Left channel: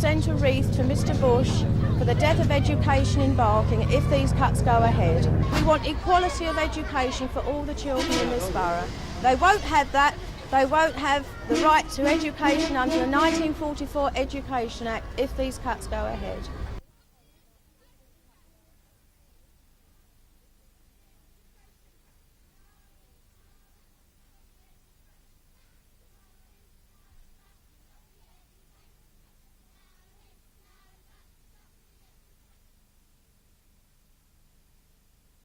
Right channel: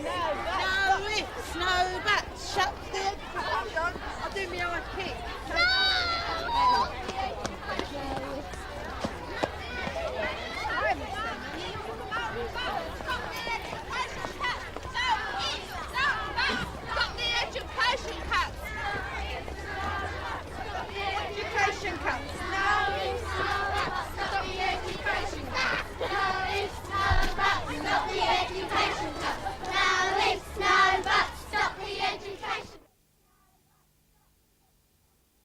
present a wreath to Mr Bush for the death of education in Barking if these cuts go ahead. We want equality of education for all the children in this borough. They won't have that. They won't have the right to education under the 1944 Education Act if these cuts go ahead. Stop the education